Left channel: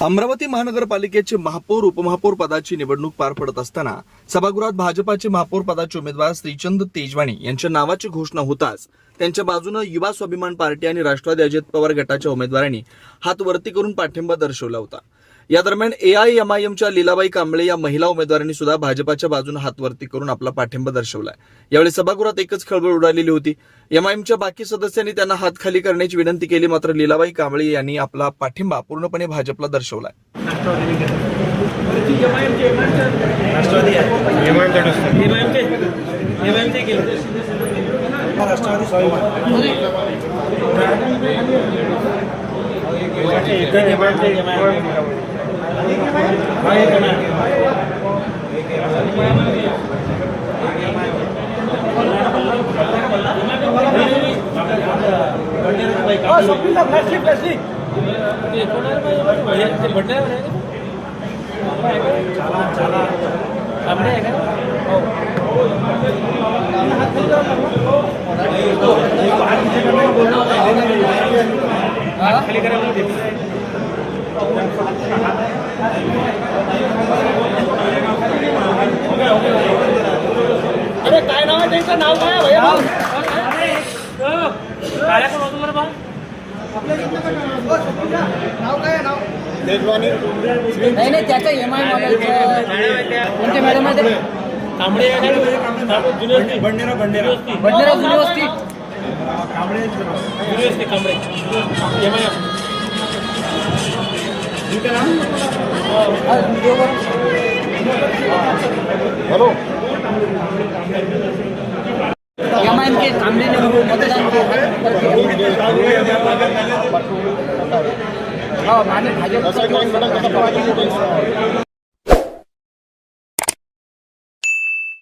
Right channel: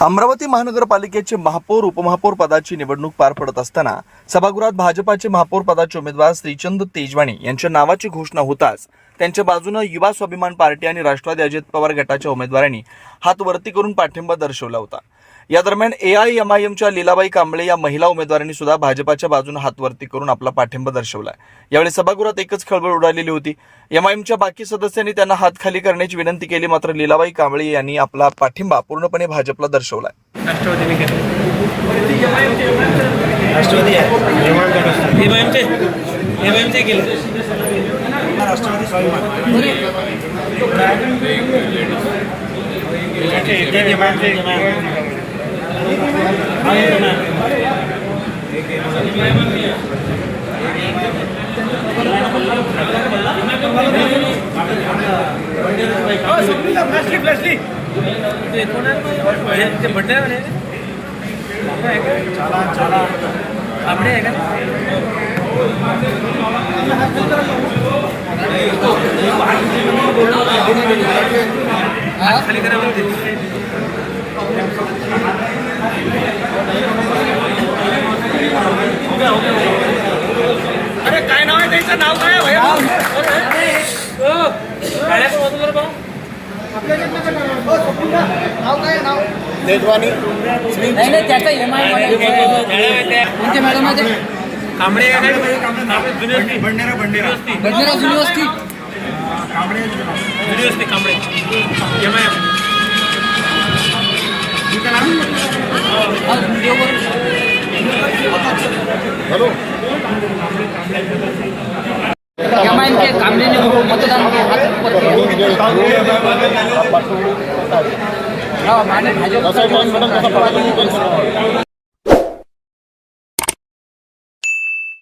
अमरावती महानगरपालिकेचे महापौर उपमहापौर पदाची निवडणूक पार पडत असताना सभागृहात भाजपाचे महापौर पदाचे उमेदवार श्रीचंद तेजवाणी यांच्या नावाची घोषणा होताच त्यांच्या बाजूनं युवा स्वाभिमान पार्टी आणि राष्ट्रवादी अजित पवार गटाच्या उमेदवारांनी हात वरती करून पाठिंबा दर्शवला होता. या दरम्यान एआयएमआयएमच्या लीलाबाई कांबळे या महिला उमेदवारांनी सुद्धा भाजपाच्या बाजूने हात वरती करून आपला पाठिंबा दर्शवला यावेळी सभागृहात एकच खळबळ उडालेली होती. एमआयएमच्या बाकी सदस्यांनी त्यांना हात खाली करण्याची विनंती केली मात्र लीलाबाई कांबळे यांनी आपला पाठिंबा पूर्णपणे भाजपला दर्शवलाय. राष्ट्रवादीने केलं. राष्ट्रवादी आहे एमआयएमचे एमआयएमचे आहे का खाली करा म्हणते अरे काय नाव आहे त्यांचं? नाव काय आहे? भैया? होतो बा तेजवानी नाही नाही त्याचा एम कोणते मॅडम आहे? कांबळे कांबळे जुनी वस्ती बंडेरा. बंडेरा बंजारा युनिव्हर्सिटी जुनी वस्ती कांबळे. एम आय हा. हॅलो एम के कामरे ने मतदान के हाथ ऊपर